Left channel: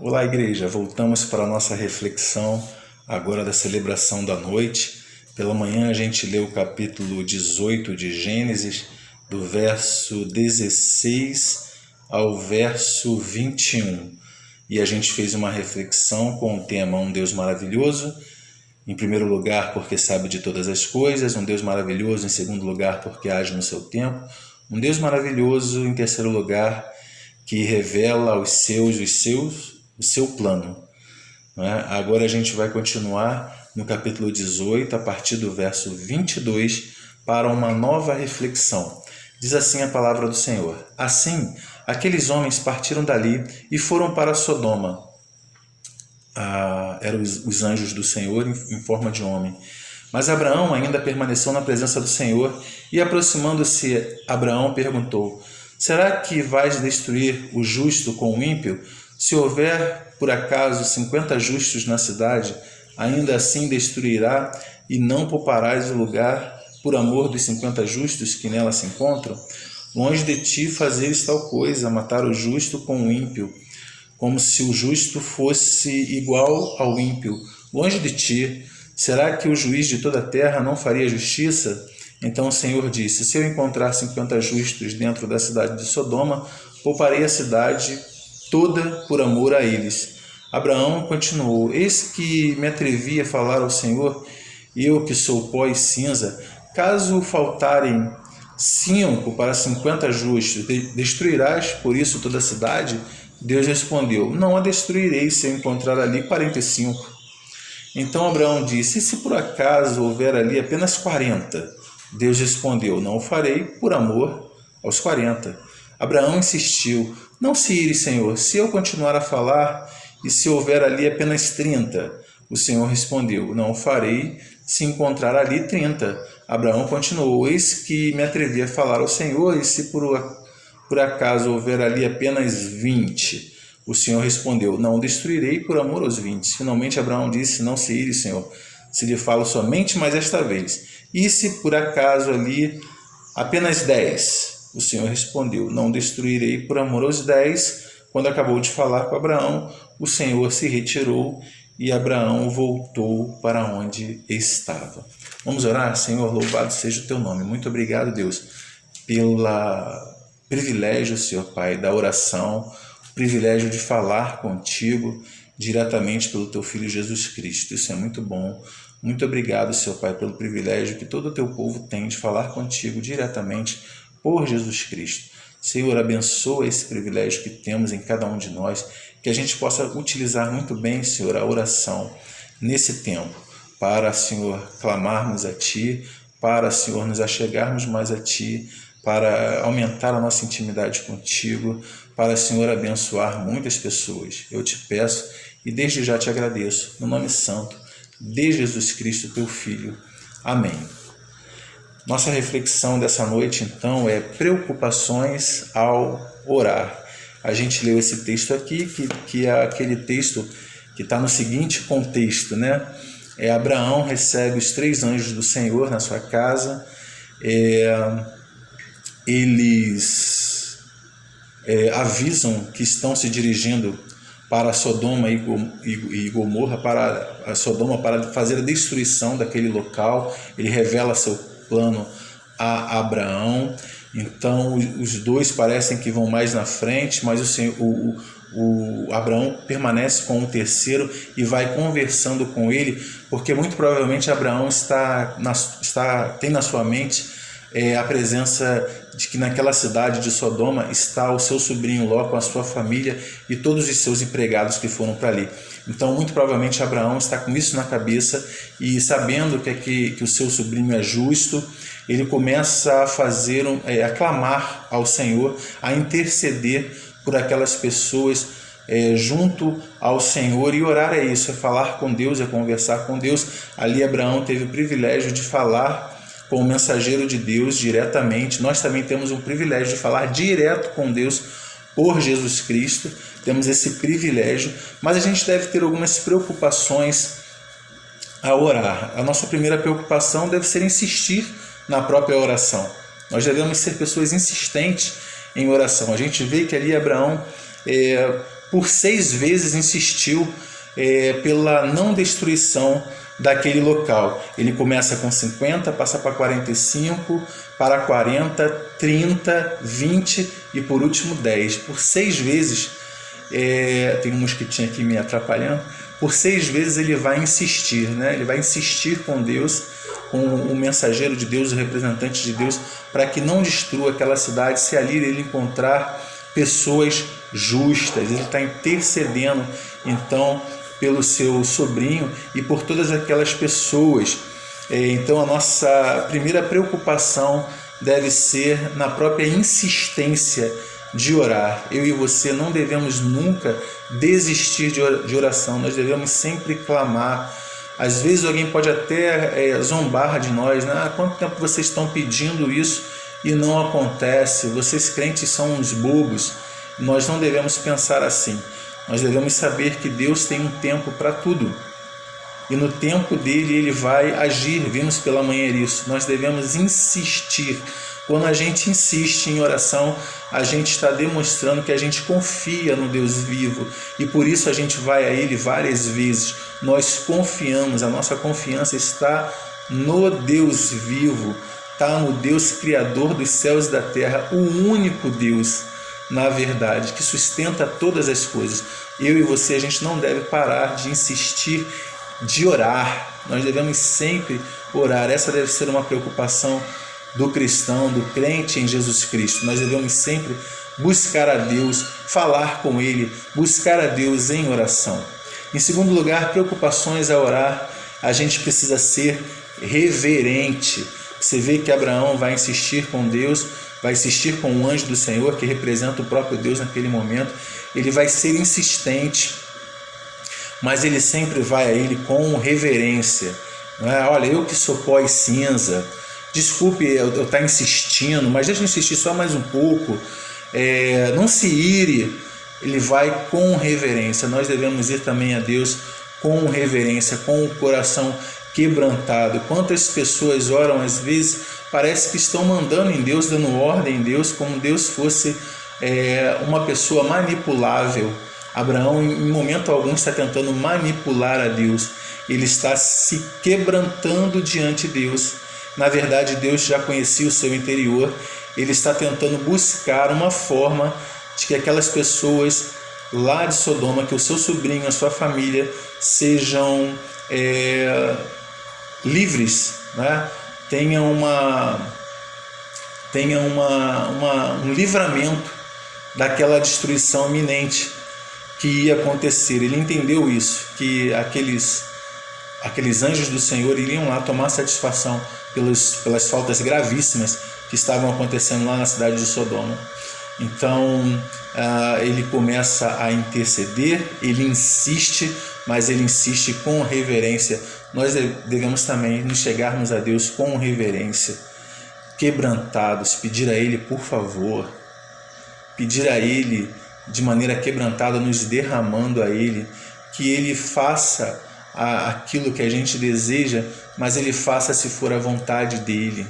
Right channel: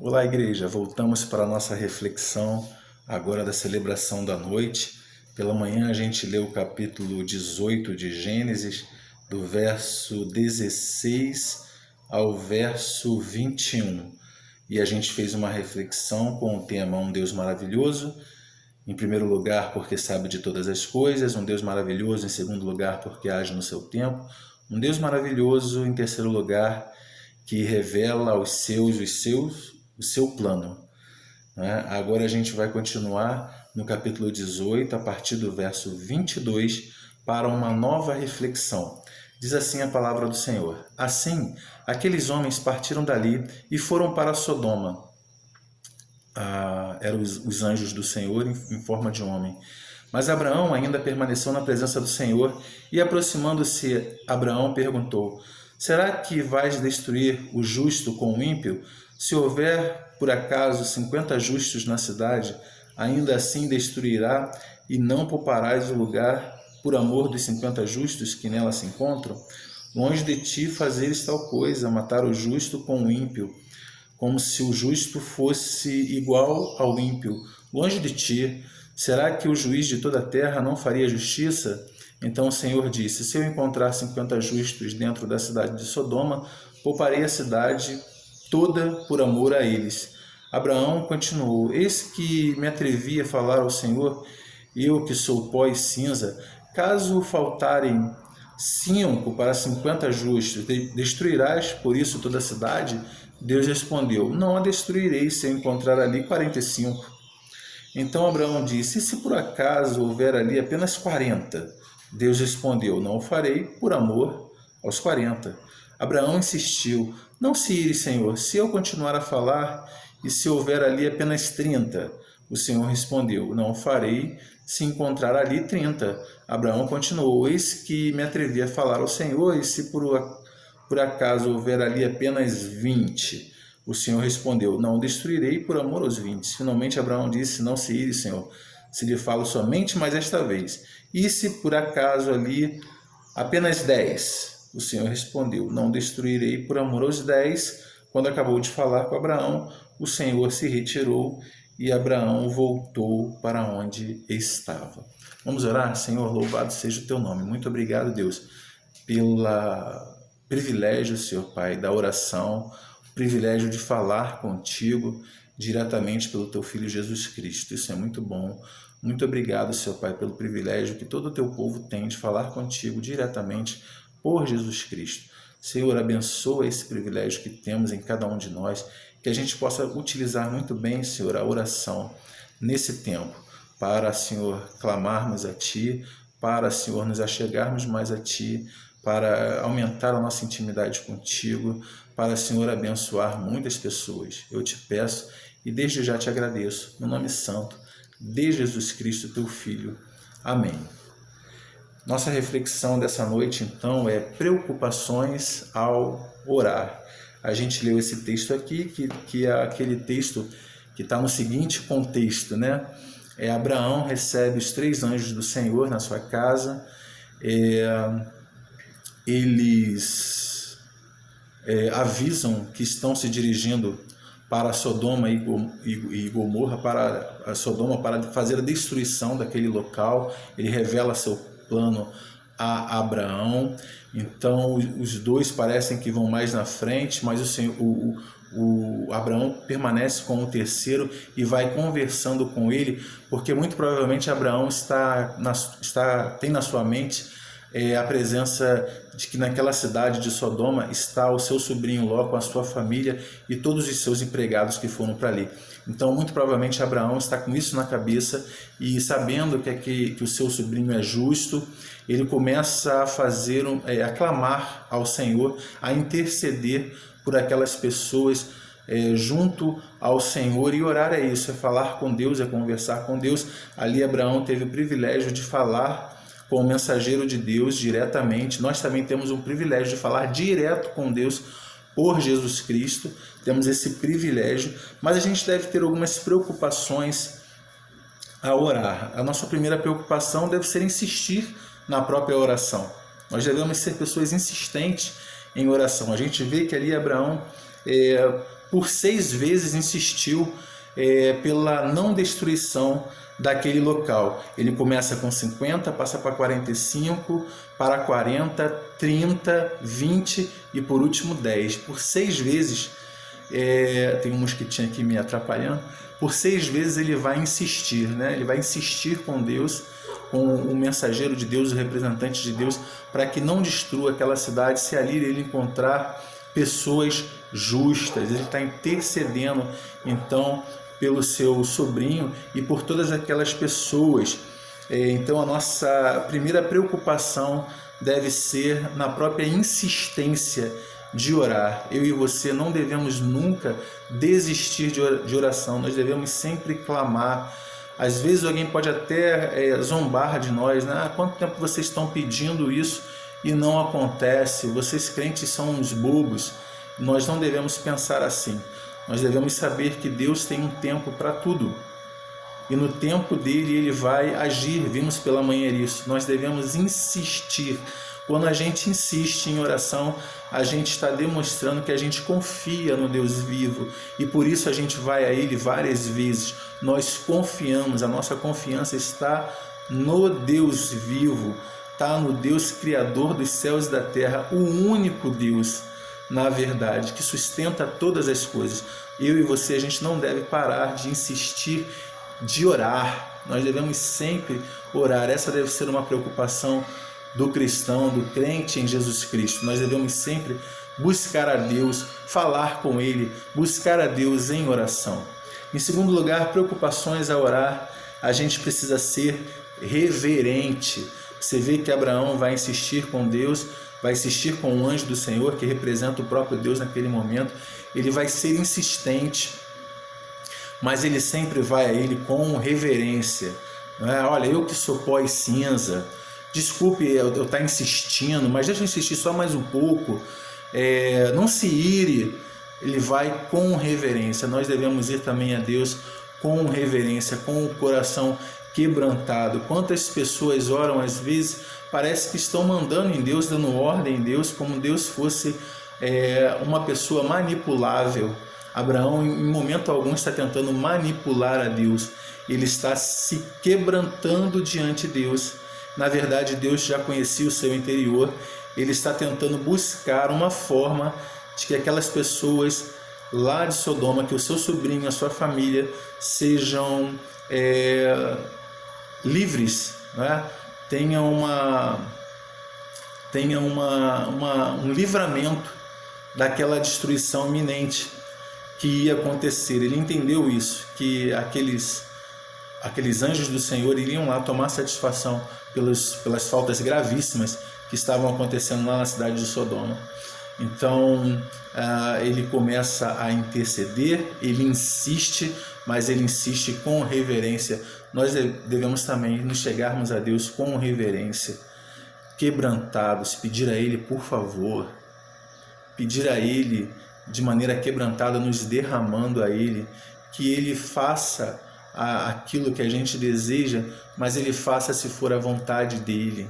Olá, igreja. Voltamos para a nossa reflexão agora da celebração da noite. Pela manhã a gente leu o capítulo 18 de Gênesis, do verso 16 ao verso 21. E a gente fez uma reflexão com o tema Um Deus Maravilhoso. Em primeiro lugar, porque sabe de todas as coisas. Um Deus maravilhoso, em segundo lugar, porque age no seu tempo. Um Deus maravilhoso, em terceiro lugar, que revela aos seus o seu plano. Agora a gente vai continuar no capítulo 18, a partir do verso 22, para uma nova reflexão. Diz assim a palavra do Senhor: Assim, aqueles homens partiram dali e foram para Sodoma. Eram os anjos do Senhor em forma de homem. Mas Abraão ainda permaneceu na presença do Senhor e, aproximando-se, Abraão perguntou: Será que vais destruir o justo com o ímpio? Se houver, por acaso, 50 justos na cidade, ainda assim destruirá e não pouparás o lugar por amor dos 50 justos que nela se encontram? Longe de ti fazeres tal coisa, matar o justo com o ímpio, como se o justo fosse igual ao ímpio. Longe de ti. Será que o juiz de toda a terra não faria justiça? Então o Senhor disse: Se eu encontrar 50 justos dentro da cidade de Sodoma, pouparei a cidade toda por amor a eles. Abraão continuou: Eis que me atrevi a falar ao Senhor, eu que sou pó e cinza. Caso faltarem 5 para 50 justos, destruirás por isso toda a cidade? Deus respondeu: Não a destruirei se eu encontrar ali 45. Então Abraão disse: E se por acaso houver ali apenas 40? Deus respondeu: Não o farei por amor aos 40. Abraão insistiu: Não se ire, Senhor, se eu continuar a falar, e se houver ali apenas 30? O Senhor respondeu: Não o farei se encontrar ali 30. Abraão continuou: Eis que me atrevi a falar ao Senhor, e se por acaso houver ali apenas 20? O Senhor respondeu: Não destruirei por amor aos 20. Finalmente Abraão disse: Não se ire, Senhor, se lhe falo somente mais esta vez. E se por acaso ali apenas 10? O Senhor respondeu: Não destruirei por amor aos 10. Quando acabou de falar com Abraão, o Senhor se retirou e Abraão voltou para onde estava. Vamos orar? Senhor, louvado seja o teu nome. Muito obrigado, Deus, pelo privilégio, Senhor Pai, da oração, o privilégio de falar contigo diretamente pelo teu Filho Jesus Cristo. Isso é muito bom. Muito obrigado, Senhor Pai, pelo privilégio que todo o teu povo tem de falar contigo diretamente por Jesus Cristo. Senhor, abençoa esse privilégio que temos em cada um de nós, que a gente possa utilizar muito bem, Senhor, a oração nesse tempo, para, Senhor, clamarmos a Ti, para, Senhor, nos achegarmos mais a Ti, para aumentar a nossa intimidade contigo, para, Senhor, abençoar muitas pessoas. Eu te peço e desde já te agradeço, no nome santo de Jesus Cristo, teu Filho. Amém. Nossa reflexão dessa noite, então, é preocupações ao orar. A gente leu esse texto aqui, que é aquele texto que está no seguinte contexto, né? Abraão recebe os 3 anjos do Senhor na sua casa. Eles avisam que estão se dirigindo para Sodoma e Gomorra, para a Sodoma, para fazer a destruição daquele local. Ele revela seu plano a Abraão. Então os dois parecem que vão mais na frente, mas o Abraão permanece com o terceiro e vai conversando com ele, porque muito provavelmente Abraão tem na sua mente a presença de que naquela cidade de Sodoma está o seu sobrinho Ló com a sua família e todos os seus empregados que foram para ali. Então, muito provavelmente Abraão está com isso na cabeça e, sabendo que o seu sobrinho é justo, ele começa a clamar ao Senhor, a interceder por aquelas pessoas junto ao Senhor. E orar é isso, é falar com Deus, é conversar com Deus. Ali Abraão teve o privilégio de falar com o mensageiro de Deus diretamente. Nós também temos um privilégio de falar direto com Deus por Jesus Cristo. Temos esse privilégio, mas a gente deve ter algumas preocupações ao orar. A nossa primeira preocupação deve ser insistir na própria oração. Nós devemos ser pessoas insistentes em oração. A gente vê que ali Abraão por 6 vezes insistiu pela não destruição daquele local. Ele começa com 50, passa para 45, para 40, 30, 20 e por último 10. Por 6 vezes, tem um mosquitinho aqui me atrapalhando, por 6 vezes ele vai insistir, né? Ele vai insistir com Deus, com o mensageiro de Deus, o representante de Deus, para que não destrua aquela cidade, se ali ele encontrar pessoas justas. Ele está intercedendo então pelo seu sobrinho e por todas aquelas pessoas. Então a nossa primeira preocupação deve ser na própria insistência de orar. Eu e você não devemos nunca desistir de oração, nós devemos sempre clamar. Às vezes alguém pode até zombar de nós, né? Há quanto tempo vocês estão pedindo isso e não acontece? Vocês crentes são uns bobos. Nós não devemos pensar assim. Nós devemos saber que Deus tem um tempo para tudo. E no tempo dele ele vai agir. Vimos pela manhã isso. Nós devemos insistir. Quando a gente insiste em oração, a gente está demonstrando que a gente confia no Deus vivo. E por isso a gente vai a ele várias vezes. Nós confiamos, a nossa confiança está no Deus vivo. Está no Deus Criador dos céus e da terra. O único Deus, na verdade, que sustenta todas as coisas. Eu e você, a gente não deve parar de insistir, de orar. Nós devemos sempre orar. Essa deve ser uma preocupação do cristão, do crente em Jesus Cristo. Nós devemos sempre buscar a Deus, falar com Ele, buscar a Deus em oração. Em segundo lugar, preocupações a orar, a gente precisa ser reverente. Você vê que Abraão vai insistir com Deus, vai insistir com o anjo do Senhor, que representa o próprio Deus naquele momento. Ele vai ser insistente, mas ele sempre vai a ele com reverência. Não é? Olha, eu que sou pó e cinza, desculpe eu estar insistindo, mas deixa eu insistir só mais um pouco. Não se ire. Ele vai com reverência. Nós devemos ir também a Deus com reverência, com o coração quebrantado. Quantas pessoas oram, às vezes, parece que estão mandando em Deus, dando ordem em Deus, como Deus fosse uma pessoa manipulável. Abraão, em momento algum, está tentando manipular a Deus. Ele está se quebrantando diante de Deus. Na verdade, Deus já conhecia o seu interior. Ele está tentando buscar uma forma de que aquelas pessoas lá de Sodoma, que o seu sobrinho, a sua família, sejam livres, né? Tenham um livramento daquela destruição iminente que ia acontecer. Ele entendeu isso, que aqueles anjos do Senhor iriam lá tomar satisfação pelas faltas gravíssimas que estavam acontecendo lá na cidade de Sodoma. Então ele começa a interceder, ele insiste, mas ele insiste com reverência. Nós devemos também nos chegarmos a Deus com reverência, quebrantados, pedir a Ele por favor, pedir a Ele de maneira quebrantada, nos derramando a Ele, que Ele faça aquilo que a gente deseja, mas Ele faça se for a vontade dEle,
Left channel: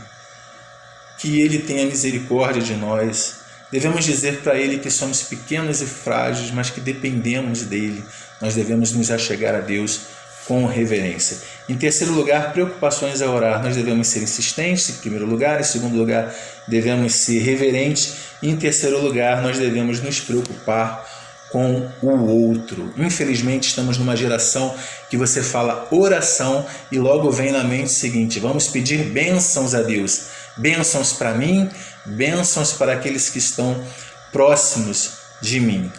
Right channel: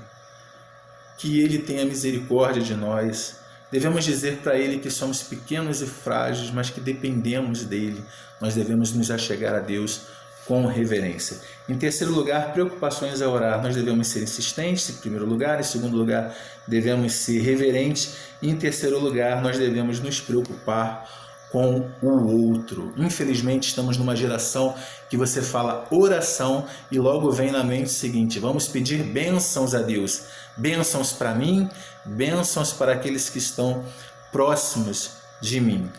que Ele tenha misericórdia de nós. Devemos dizer para Ele que somos pequenos e frágeis, mas que dependemos dEle. Nós devemos nos achegar a Deus com reverência. Em terceiro lugar, preocupações a orar. Nós devemos ser insistentes, em primeiro lugar. Em segundo lugar, devemos ser reverentes. E em terceiro lugar, nós devemos nos preocupar com o outro. Infelizmente, estamos numa geração que você fala oração e logo vem na mente o seguinte: vamos pedir bênçãos a Deus. Bênçãos para mim, bênçãos para aqueles que estão próximos de mim.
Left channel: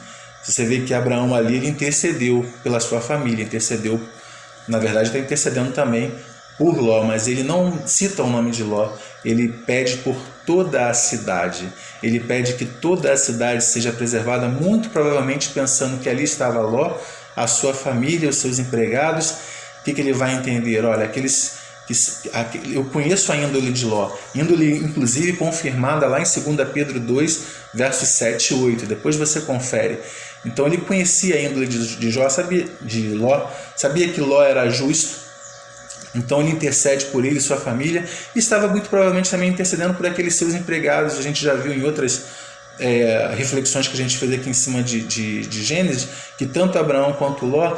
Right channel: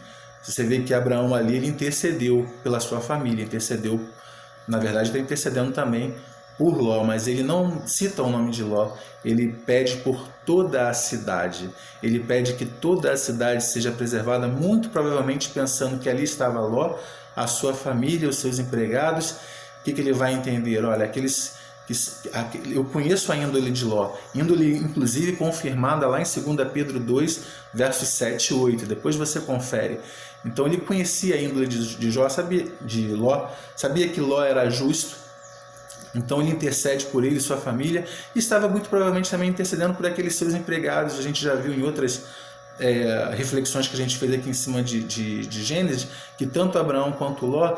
Você vê que Abraão ali, ele intercedeu pela sua família, intercedeu, na verdade está intercedendo também por Ló, mas ele não cita o nome de Ló, ele pede por toda a cidade, ele pede que toda a cidade seja preservada, muito provavelmente pensando que ali estava Ló, a sua família, os seus empregados. O que ele vai entender? Olha, eu conheço a índole de Ló, índole inclusive confirmada lá em 2 Pedro 2, versos 7 e 8, depois você confere. Então ele conhecia a índole de Ló, sabia que Ló era justo, então ele intercede por ele e sua família, e estava muito provavelmente também intercedendo por aqueles seus empregados. A gente já viu em outras reflexões que a gente fez aqui em cima de Gênesis, que tanto Abraão quanto Ló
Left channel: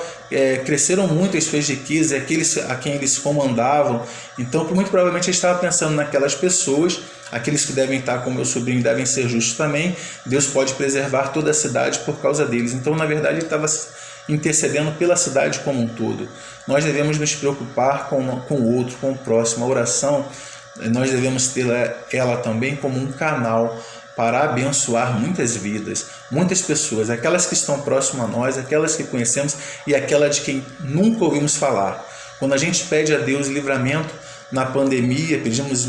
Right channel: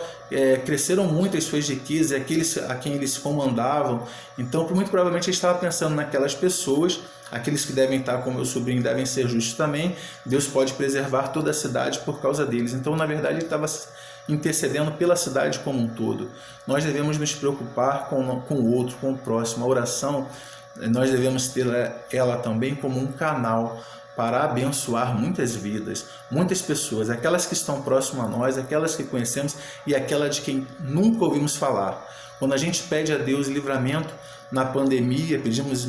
cresceram muito as suas riquezas, aqueles a quem eles comandavam. Então, muito provavelmente ele estava pensando naquelas pessoas, aqueles que devem estar com meu sobrinho devem ser justos também, Deus pode preservar toda a cidade por causa deles. Então, na verdade, ele estava intercedendo pela cidade como um todo. Nós devemos nos preocupar com o outro, com o próximo. A oração, nós devemos ter ela também como um canal para abençoar muitas vidas, muitas pessoas, aquelas que estão próximas a nós, aquelas que conhecemos e aquela de quem nunca ouvimos falar. Quando a gente pede a Deus livramento na pandemia, pedimos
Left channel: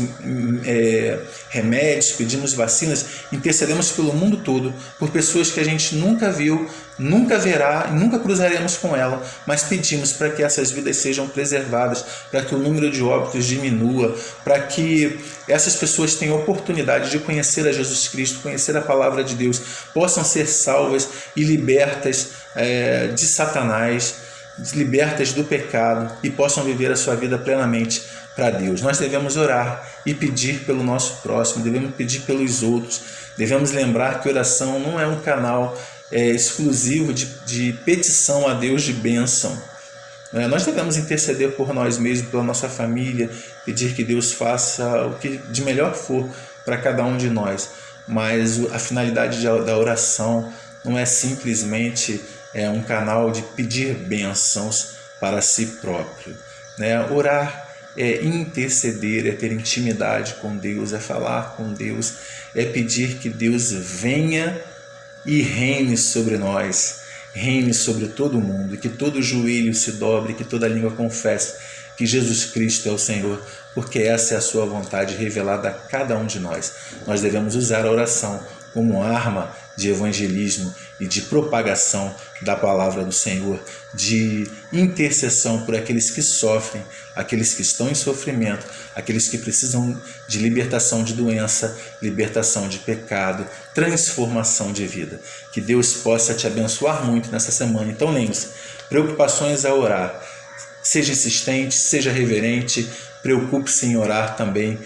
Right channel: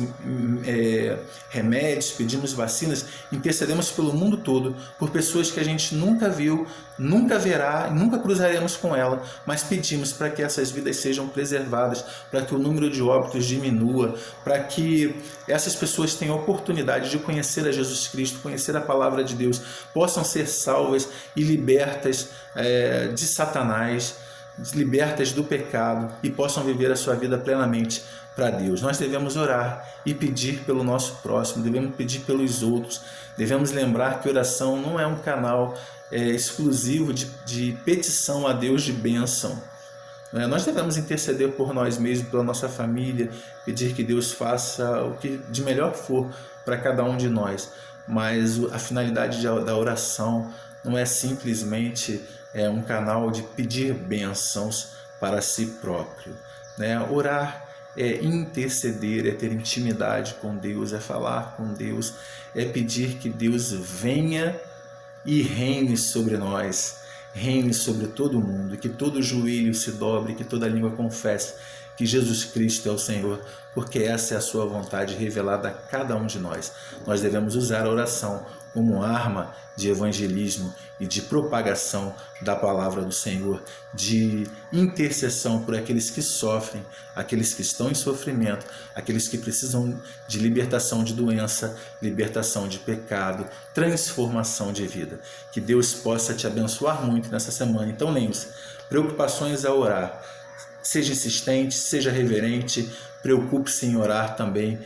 remédios, pedimos vacinas, intercedemos pelo mundo todo, por pessoas que a gente nunca viu, nunca verá e nunca cruzaremos com ela, mas pedimos para que essas vidas sejam preservadas, para que o número de óbitos diminua, para que essas pessoas tenham oportunidade de conhecer a Jesus Cristo, conhecer a palavra de Deus, possam ser salvas e libertas de Satanás, libertas do pecado e possam viver a sua vida plenamente para Deus. Nós devemos orar e pedir pelo nosso próximo, devemos pedir pelos outros, devemos lembrar que oração não é um canal exclusivo de petição a Deus de bênção. Nós devemos interceder por nós mesmos, pela nossa família, pedir que Deus faça o que de melhor for para cada um de nós, mas a finalidade da oração não é simplesmente um canal de pedir bênçãos para si próprio. Orar é interceder, é ter intimidade com Deus, é falar com Deus, é pedir que Deus venha e reine sobre nós, reine sobre todo mundo, que todo joelho se dobre, que toda língua confesse que Jesus Cristo é o Senhor, porque essa é a sua vontade revelada a cada um de nós. Nós devemos usar a oração como arma de evangelismo e de propagação da palavra do Senhor, de intercessão por aqueles que sofrem, aqueles que estão em sofrimento, aqueles que precisam de libertação de doença, libertação de pecado, transformação de vida. Que Deus possa te abençoar muito nessa semana. Então lembre-se, preocupações a orar. Seja insistente, seja reverente, preocupe-se em orar também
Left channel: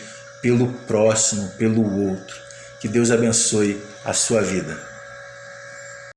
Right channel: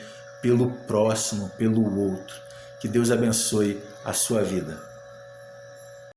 pelo próximo, pelo outro. Que Deus abençoe a sua vida.